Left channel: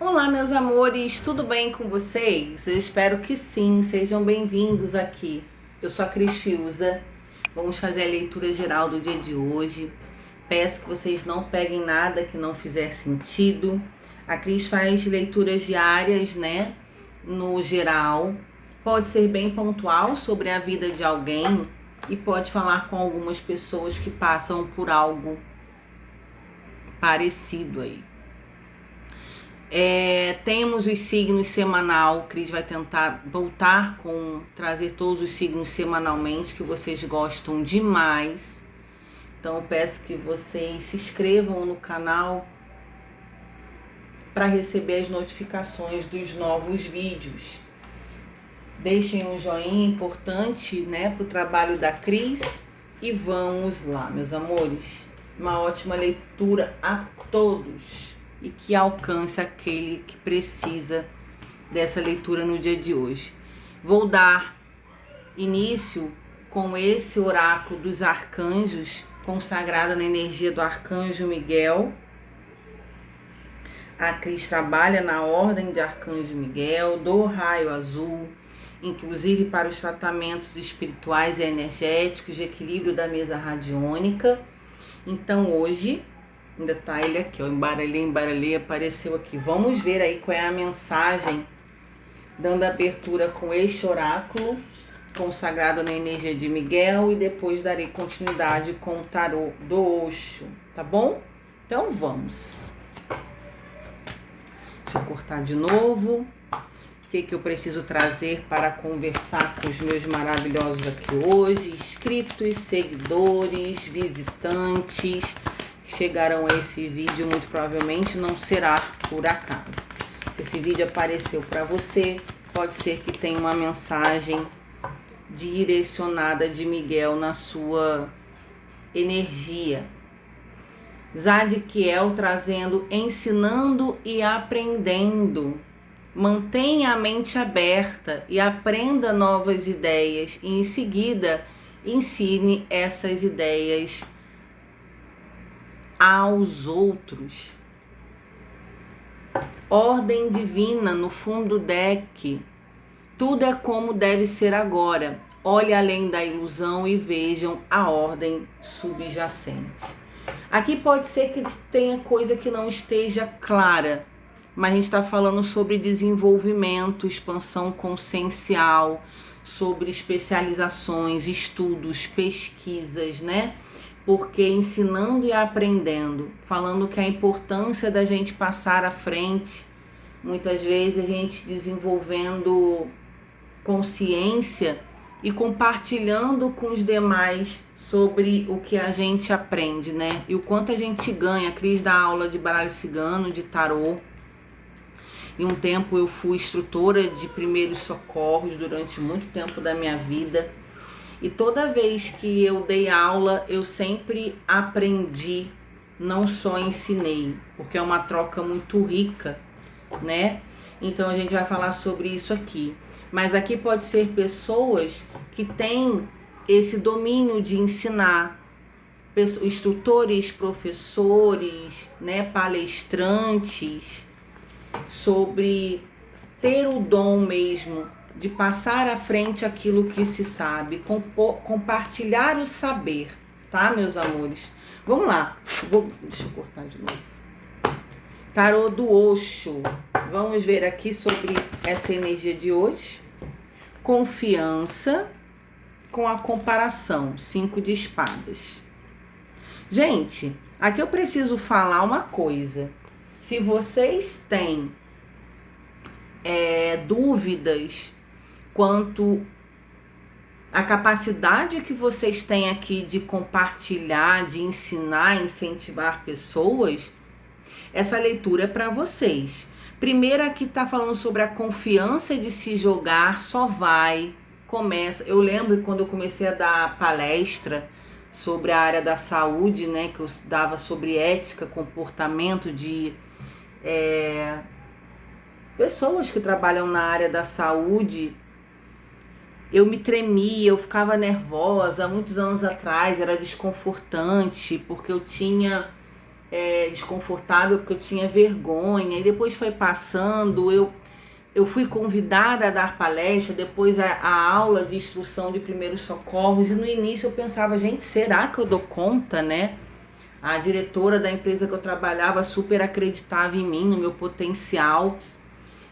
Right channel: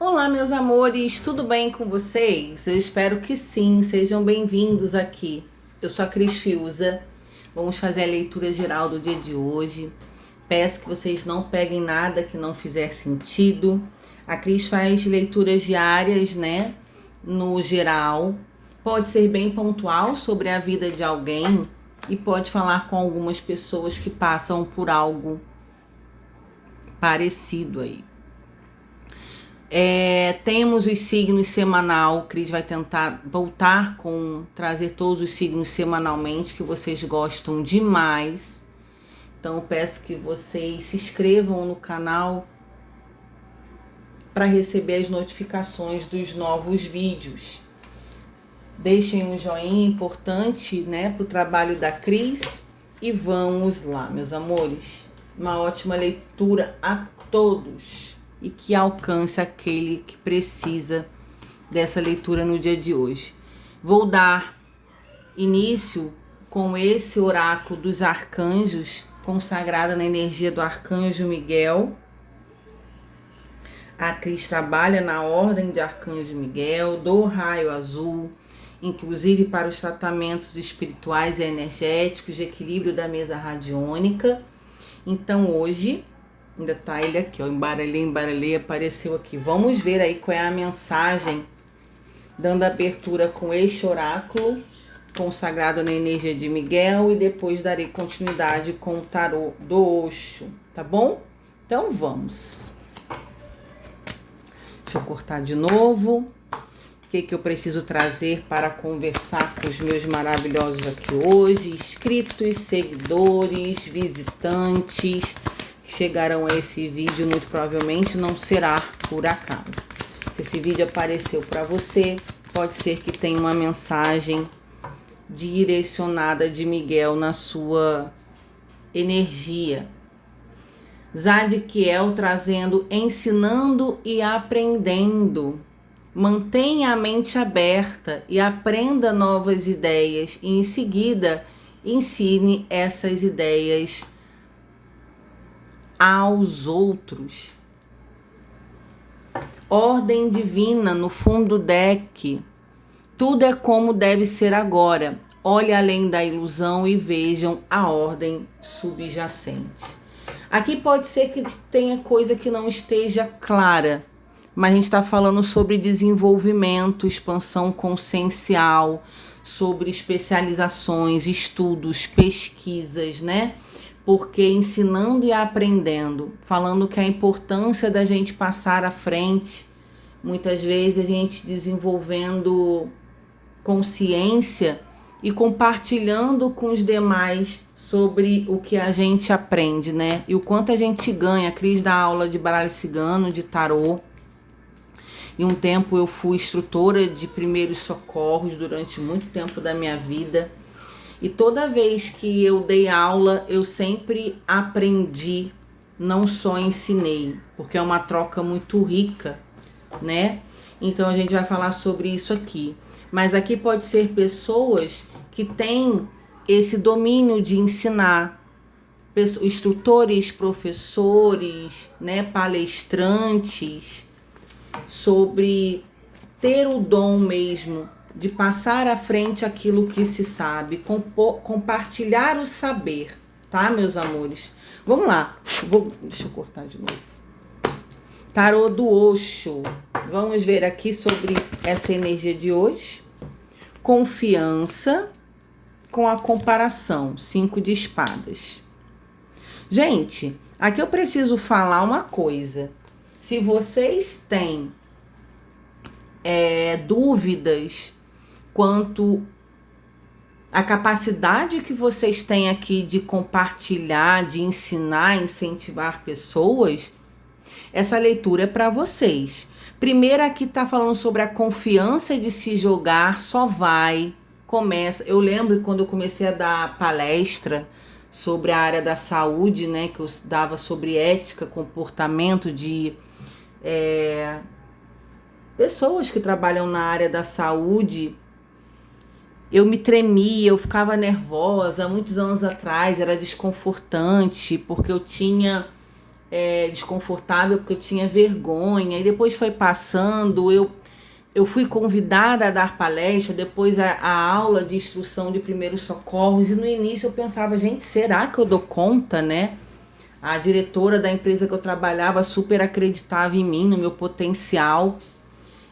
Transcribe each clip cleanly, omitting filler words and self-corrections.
Olá, meus amores, tudo bem com vocês? Eu espero que sim, sejam bem-vindos aqui. Eu sou a Cris Fiuza, vamos fazer a leitura geral do dia de hoje. Peço que vocês não peguem nada que não fizer sentido. A Cris faz leituras diárias, né? No geral, pode ser bem pontual sobre a vida de alguém e pode falar com algumas pessoas que passam por algo parecido aí. Temos os signos semanal. Cris vai tentar voltar trazer todos os signos semanalmente que vocês gostam demais. Então eu peço que vocês se inscrevam no canal para receber as notificações dos novos vídeos. Deixem um joinha importante, né, para o trabalho da Cris. E vamos lá, meus amores. Uma ótima leitura a todos e que alcance aquele que precisa dessa leitura no dia de hoje. Vou dar início com esse oráculo dos arcanjos, consagrada na energia do arcanjo Miguel. A Cris trabalha na ordem de arcanjo Miguel, do raio azul, inclusive para os tratamentos espirituais e energéticos de equilíbrio da mesa radiônica. Então hoje, ainda tá ele aqui, ó, embaralhei, apareceu aqui. Vamos ver aí qual é a mensagem, dando abertura com este oráculo, consagrado na energia de Miguel, e depois darei continuidade com o tarô do Osho, tá bom? Então vamos. Deixa eu cortar de novo. O que eu preciso trazer para conversar com os meus maravilhosos aqui hoje? Inscritos, seguidores, visitantes que chegarão a esse vídeo, muito provavelmente não será por acaso. Se esse vídeo apareceu para você, pode ser que tenha uma mensagem direcionada de Miguel na sua energia. Zadkiel trazendo, ensinando e aprendendo. Mantenha a mente aberta e aprenda novas ideias e em seguida ensine essas ideias aos outros. Ordem divina no fundo do deck. Tudo é como deve ser agora. Olhe além da ilusão e vejam a ordem subjacente. Aqui pode ser que tenha coisa que não esteja clara, mas a gente está falando sobre desenvolvimento, expansão consciencial, sobre especializações, estudos, pesquisas, né? Porque ensinando e aprendendo, falando que a importância da gente passar à frente, muitas vezes a gente desenvolvendo consciência e compartilhando com os demais sobre o que a gente aprende, né? E o quanto a gente ganha. A Cris dá aula de baralho cigano, de tarô. E um tempo eu fui instrutora de primeiros socorros durante muito tempo da minha vida. E toda vez que eu dei aula, eu sempre aprendi, não só ensinei, porque é uma troca muito rica, né? Então a gente vai falar sobre isso aqui. Mas aqui pode ser pessoas que têm esse domínio de ensinar, instrutores, professores, né, palestrantes, sobre ter o dom mesmo de passar à frente aquilo que se sabe, compartilhar o saber, tá, meus amores? Vamos lá, deixa eu cortar de novo. Tarô do Osho. Vamos ver aqui sobre essa energia de hoje. Confiança com a comparação. 5 de espadas. Gente, aqui eu preciso falar uma coisa. Se vocês têm dúvidas quanto à capacidade que vocês têm aqui de compartilhar, de ensinar, incentivar pessoas, essa leitura é para vocês. Primeiro aqui tá falando sobre a confiança de se jogar, só vai, começa. Eu lembro quando eu comecei a dar palestra sobre a área da saúde, né, que eu dava sobre ética, comportamento de pessoas que trabalham na área da saúde. Eu me tremia, eu ficava nervosa, muitos anos atrás, era desconfortante, porque eu tinha desconfortável porque eu tinha vergonha, e depois foi passando, eu fui convidada a dar palestra, depois a aula de instrução de primeiros socorros, e no início eu pensava, gente, será que eu dou conta, né? A diretora da empresa que eu trabalhava super acreditava em mim, no meu potencial,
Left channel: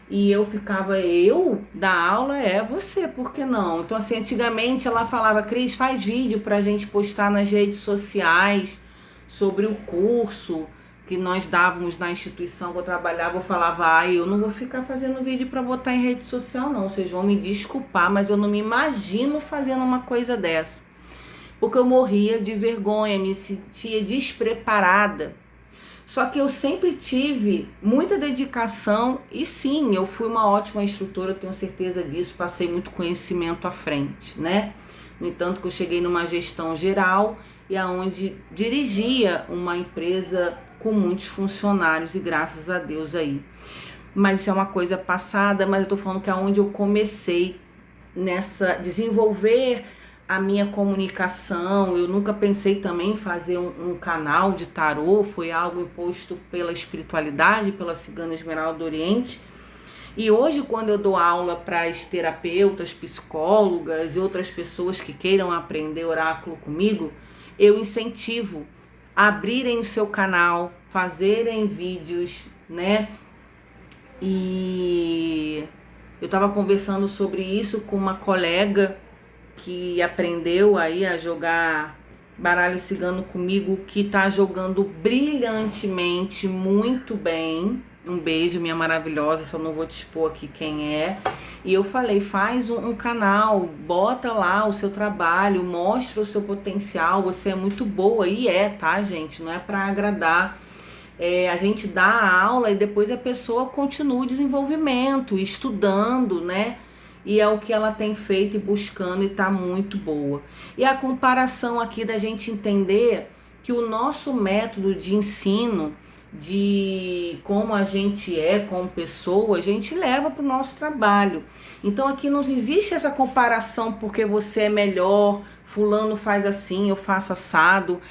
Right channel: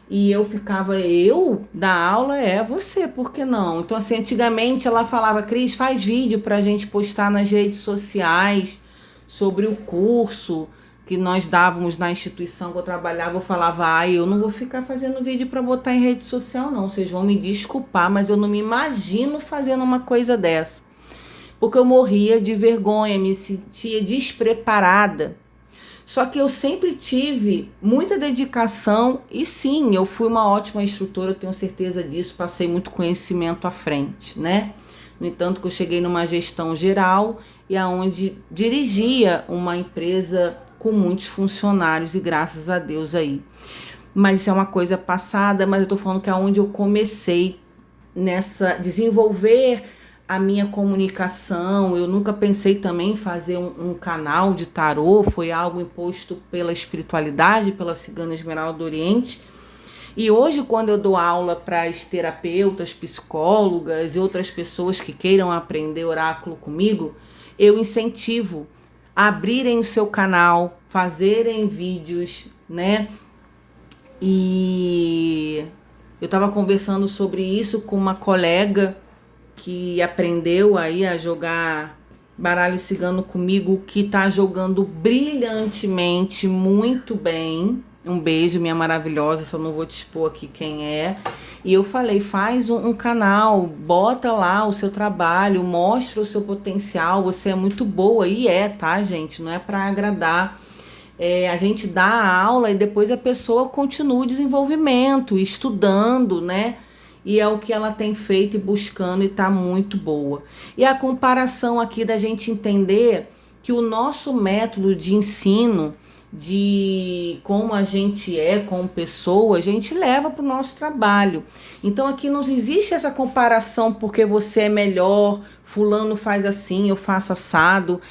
e eu ficava, eu dar aula você, por que não? Então assim, antigamente ela falava, Cris, faz vídeo pra gente postar nas redes sociais sobre o curso que nós dávamos na instituição que eu trabalhava. Eu falava, eu não vou ficar fazendo vídeo para botar em rede social não, vocês vão me desculpar, mas eu não me imagino fazendo uma coisa dessa, porque eu morria de vergonha, me sentia despreparada. Só que eu sempre tive muita dedicação e sim, eu fui uma ótima instrutora, eu tenho certeza disso, passei muito conhecimento à frente, né? No entanto que eu cheguei numa gestão geral e aonde dirigia uma empresa com muitos funcionários, e graças a Deus aí. Mas isso é uma coisa passada, mas eu tô falando que é onde eu comecei nessa desenvolver a minha comunicação. Eu nunca pensei também em fazer um canal de tarô, foi algo imposto pela espiritualidade, pela Cigana Esmeralda do Oriente. E hoje, quando eu dou aula para as terapeutas, psicólogas e outras pessoas que queiram aprender oráculo comigo, eu incentivo a abrirem o seu canal, fazerem vídeos, né? E eu estava conversando sobre isso com uma colega que aprendeu aí a jogar baralho cigano comigo, que está jogando brilhantemente, muito bem. Um beijo, minha maravilhosa, só não vou te expor aqui quem é. E eu falei, faz um canal, bota lá o seu trabalho, mostra o seu potencial, você é muito boa. E tá, gente? Não é para agradar. A gente dá a aula e depois a pessoa continua o desenvolvimento, estudando, né? E é o que ela tem feito e buscando, e tá muito boa. E a comparação aqui da gente entender que o nosso método de ensino, de como a gente é como pessoa, a gente leva para o nosso trabalho. Então aqui não existe essa comparação porque você é melhor, fulano faz assim, eu faço assado,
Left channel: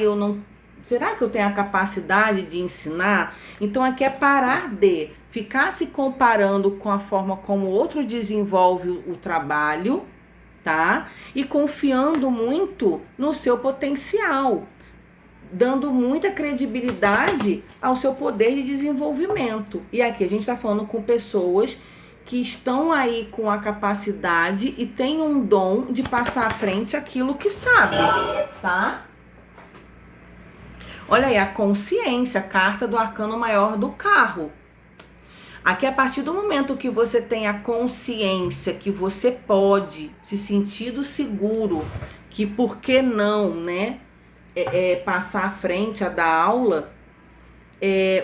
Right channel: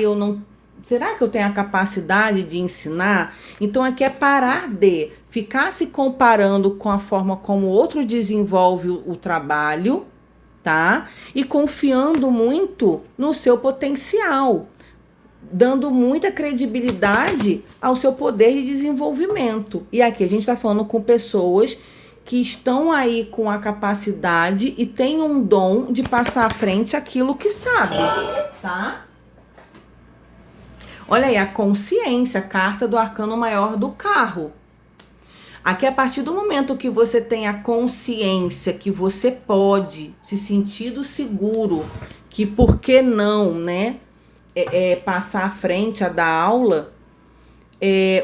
eu não... Será que eu tenho a capacidade de ensinar? Então aqui é parar de ficar se comparando com a forma como o outro desenvolve o trabalho, tá? E confiando muito no seu potencial, dando muita credibilidade ao seu poder de desenvolvimento. E aqui a gente está falando com pessoas que estão aí com a capacidade e têm um dom de passar à frente aquilo que sabe, tá? Olha aí, a consciência, a carta do arcano maior do carro. Aqui, a partir do momento que você tem a consciência que você pode se sentir seguro, que por que não, né, passar à frente a dar aula,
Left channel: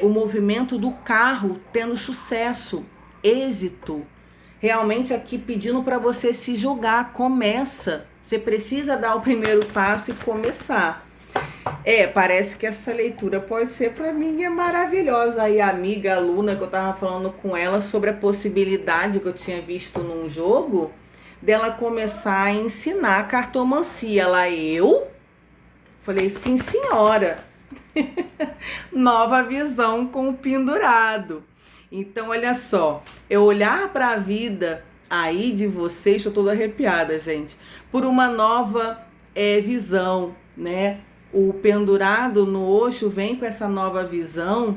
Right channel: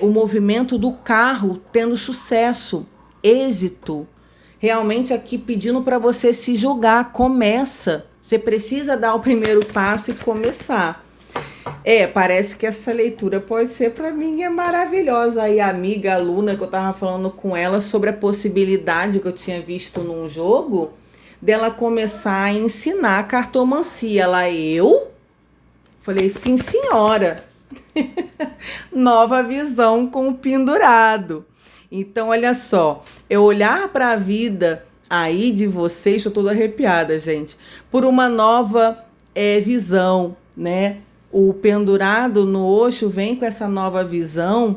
o movimento do carro tendo sucesso, êxito, realmente aqui pedindo para você se jogar, começa. Você precisa dar o primeiro passo e começar. Parece que essa leitura pode ser para mim maravilhosa. E a amiga, aluna, que eu tava falando com ela sobre a possibilidade que eu tinha visto num jogo, dela começar a ensinar cartomancia. Eu falei, sim senhora, nova visão com o pendurado. Então olha só, eu olhar para a vida aí de vocês, estou toda arrepiada, gente, por uma nova visão, né? O pendurado no Osho vem com essa nova visão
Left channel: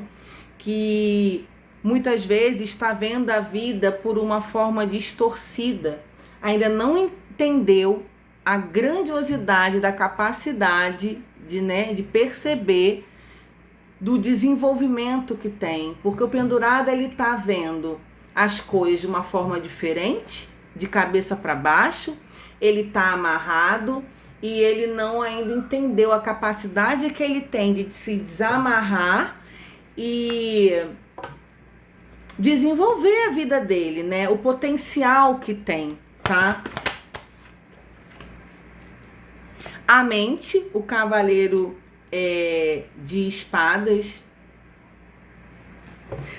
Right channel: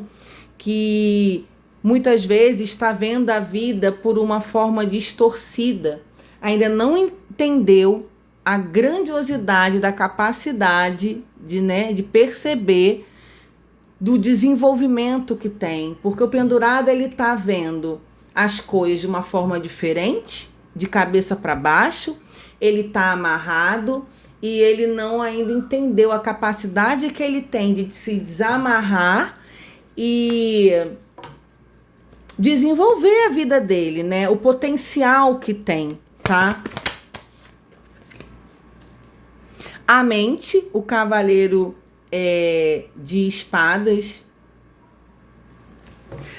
que muitas vezes está vendo a vida por uma forma distorcida. Ainda não entendeu a grandiosidade da capacidade de perceber do desenvolvimento que tem. Porque o pendurado, ele está vendo as coisas de uma forma diferente, de cabeça para baixo, ele está amarrado, e ele não ainda entendeu a capacidade que ele tem de se desamarrar e desenvolver a vida dele, né? O potencial que tem, tá? A mente, o cavaleiro de espadas.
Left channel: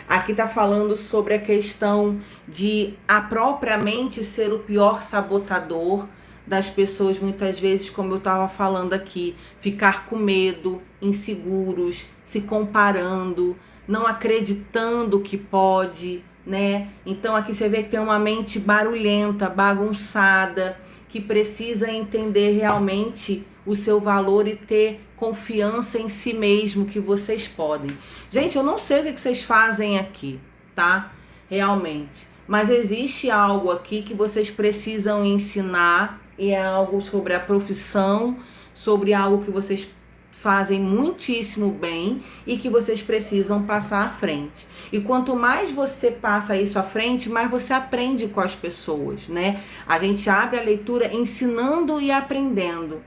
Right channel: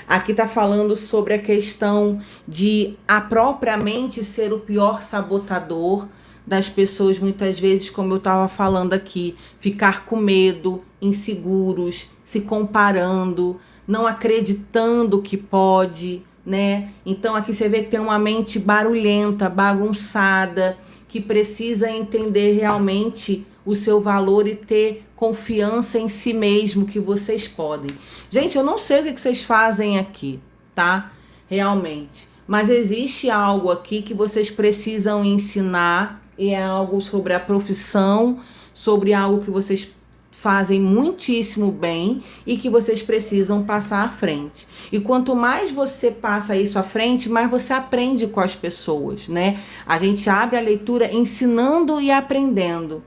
Aqui tá falando sobre a questão de a própria mente ser o pior sabotador, das pessoas, muitas vezes, como eu estava falando aqui, ficar com medo, inseguros, se comparando, não acreditando que pode, né? Então aqui você vê que tem uma mente barulhenta, bagunçada, que precisa entender realmente o seu valor e ter confiança em si mesmo, que vocês podem. Gente, eu não sei o que vocês fazem aqui, tá? Realmente. Mas existe algo aqui que vocês precisam ensinar, e é algo sobre a profissão, sobre algo que vocês fazem muitíssimo bem e que vocês precisam passar à frente. E quanto mais você passa isso à frente, mais você aprende com as pessoas, né? A gente abre a leitura ensinando e aprendendo.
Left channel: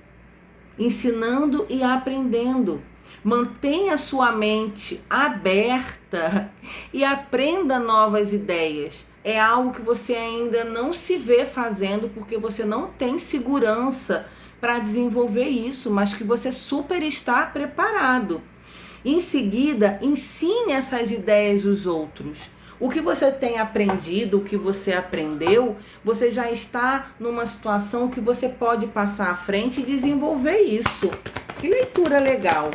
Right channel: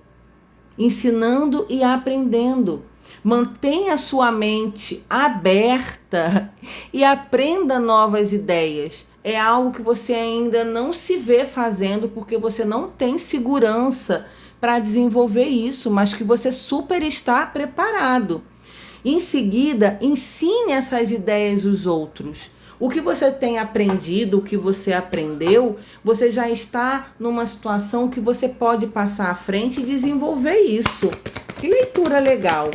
Ensinando e aprendendo. Mantenha sua mente aberta e aprenda novas ideias. É algo que você ainda não se vê fazendo porque você não tem segurança para desenvolver isso, mas que você super está preparado. Em seguida, ensine essas ideias aos outros. O que você tem aprendido, o que você aprendeu, você já está numa situação que você pode passar à frente e desenvolver isso. Que leitura legal!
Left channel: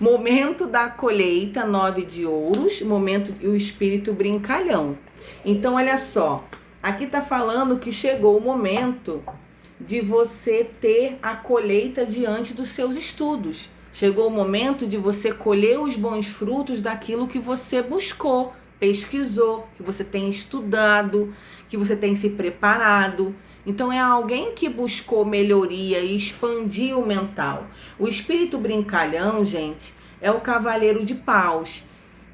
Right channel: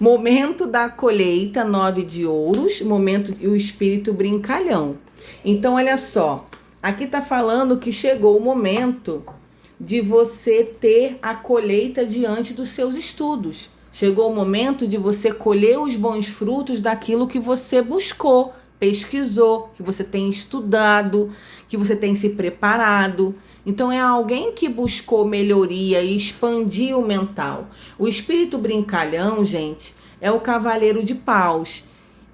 Momento da colheita, 9 de ouros, momento e o espírito brincalhão. Então, olha só, aqui tá falando que chegou o momento de você ter a colheita diante dos seus estudos. Chegou o momento de você colher os bons frutos daquilo que você buscou, pesquisou, que você tem estudado, que você tem se preparado. Então é alguém que buscou melhoria e expandir o mental. O espírito brincalhão, gente, é o cavaleiro de paus.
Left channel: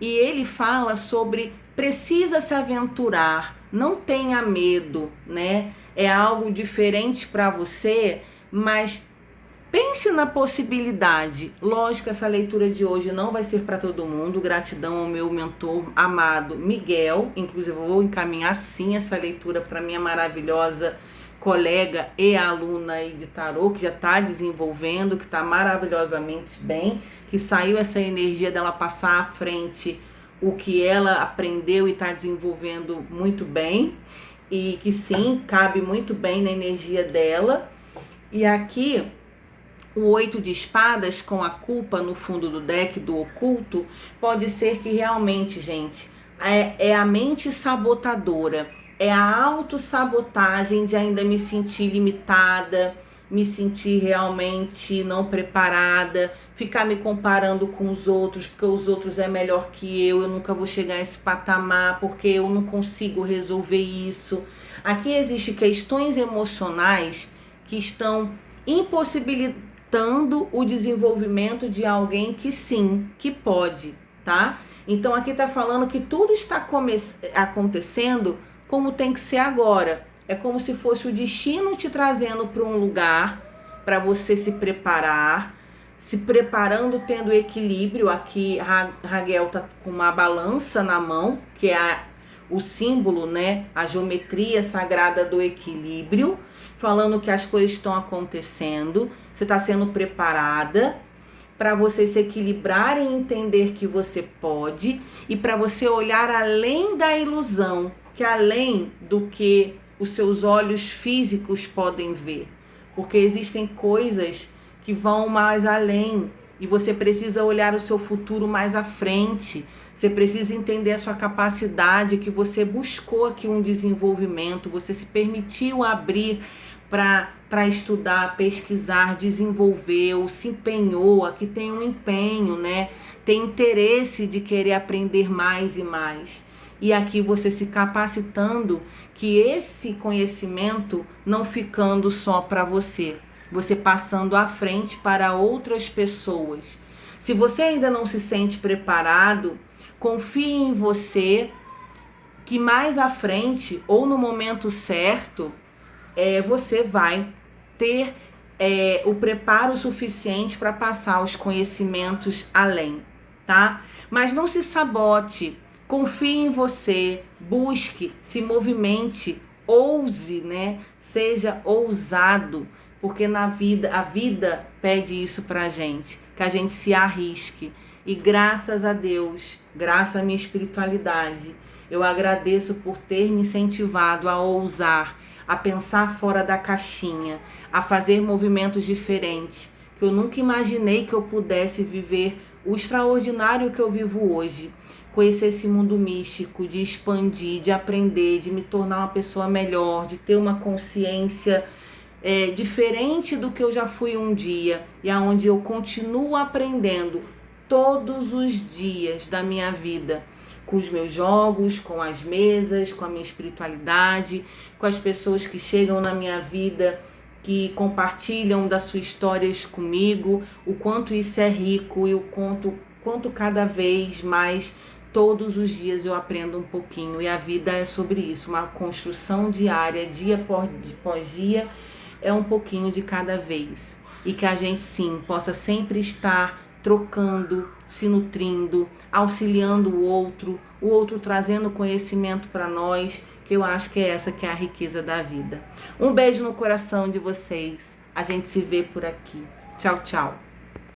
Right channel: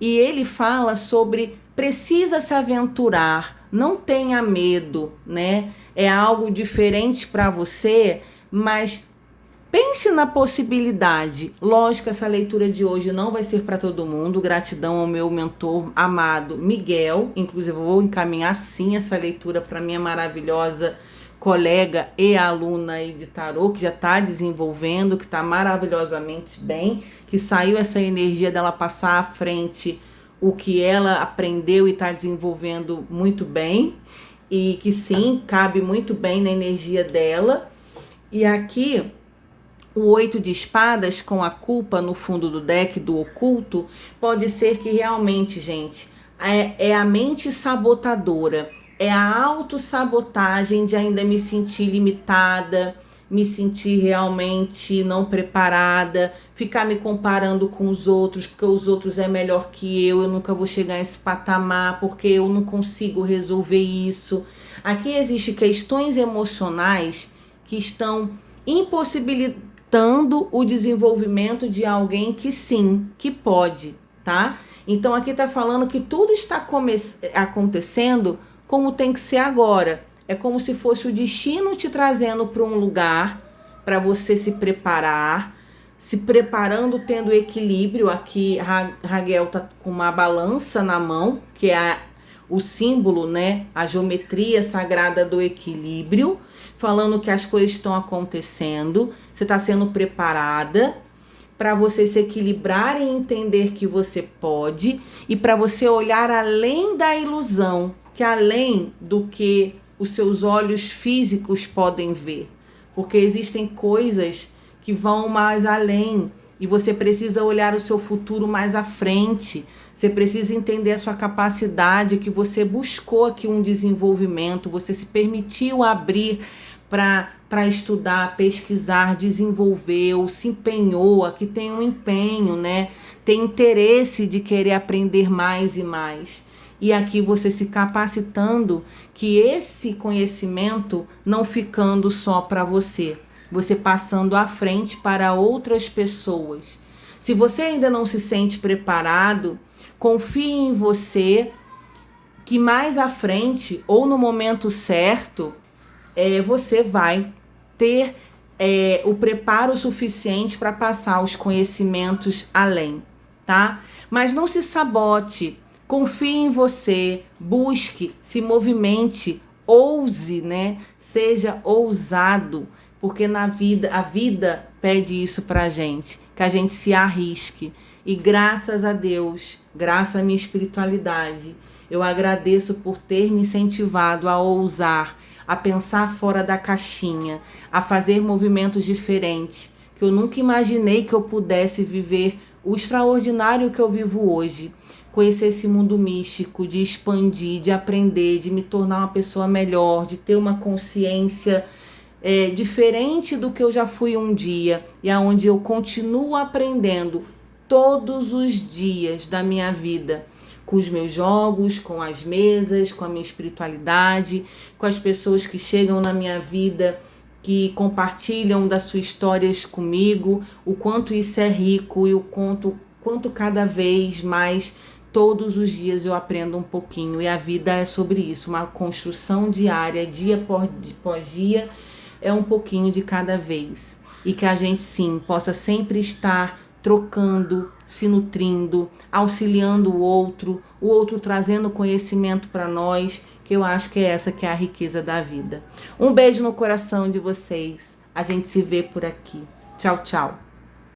E ele fala sobre precisa se aventurar, não tenha medo, né? É algo diferente para você, mas pense na possibilidade. Lógico, essa leitura de hoje não vai ser para todo mundo. Gratidão ao meu mentor amado Miguel. Inclusive, eu vou encaminhar sim essa leitura para minha maravilhosa colega e aluna aí de tarô, que já está desenvolvendo, que está maravilhosamente bem, que saiu essa energia dela passar à frente o que ela aprendeu e está desenvolvendo muito bem. E que sim, cabe muito bem na energia dela. E aqui o 8 de espadas com a culpa no fundo do deck do oculto, pode ser que realmente, gente, é a mente sabotadora, é a autossabotagem de ainda me sentir limitada, me sentir realmente não preparada, ficar me comparando com os outros, porque os outros é melhor que eu nunca vou chegar a esse patamar, porque eu não consigo resolver isso. Aqui existem questões emocionais que estão impossibilitando o desenvolvimento de alguém que sim, que pode, tá? Então aqui tá falando que tudo está acontecendo como tem que ser agora. É como se fosse o destino te trazendo para um lugar para você se preparar, se preparando, tendo equilíbrio. Aqui Raguel tá com uma balança na mão, que é o símbolo, né? A geometria sagrada do equilíbrio, falando que as coisas estão acontecendo, você está sendo preparada para você se equilibrar e entender que você pode, e para você olhar além da ilusão, que além do que os seus olhos físicos podem ver, porque existem coisas que vão mais além e você precisa olhar o seu futuro mais à frente. Você precisa entender a sua capacidade, que você buscou aqui um desenvolvimento, você se permitiu abrir para estudar, pesquisar, desenvolver, ou se empenhou, aqui tem um empenho, né? Tem interesse de querer aprender mais e mais. E aqui você se capacitando, que esse conhecimento não ficando só para você passando à frente para outras pessoas. Se você ainda não se sente preparado, confie em você, que mais à frente ou no momento certo, você vai ter o preparo suficiente para passar os conhecimentos além, tá? Mas não se sabote. Confie em você, busque, se movimente, ouse, né? Seja ousado, porque na vida, a vida pede isso pra gente, que a gente se arrisque. E graças a Deus, graças à minha espiritualidade, eu agradeço por ter me incentivado a ousar, a pensar fora da caixinha, a fazer movimentos diferentes, que eu nunca imaginei que eu pudesse viver o extraordinário que eu vivo hoje. Conhecer esse mundo místico, de expandir, de aprender, de me tornar uma pessoa melhor, de ter uma consciência diferente do que eu já fui um dia, e aonde eu continuo aprendendo todos os dias da minha vida, com os meus jogos, com as mesas, com a minha espiritualidade, com as pessoas que chegam na minha vida, que compartilham das suas histórias comigo, o quanto isso é rico e o quanto cada vez mais, todos os dias eu aprendo um pouquinho. E a vida é sobre isso, uma construção diária, dia após dia, é um pouquinho de cada vez. E que a gente sim possa sempre estar trocando, se nutrindo, auxiliando o outro trazendo conhecimento para nós, que eu acho que é essa que é a riqueza da vida. Um beijo no coração de vocês. A gente se vê por aqui. Tchau, tchau.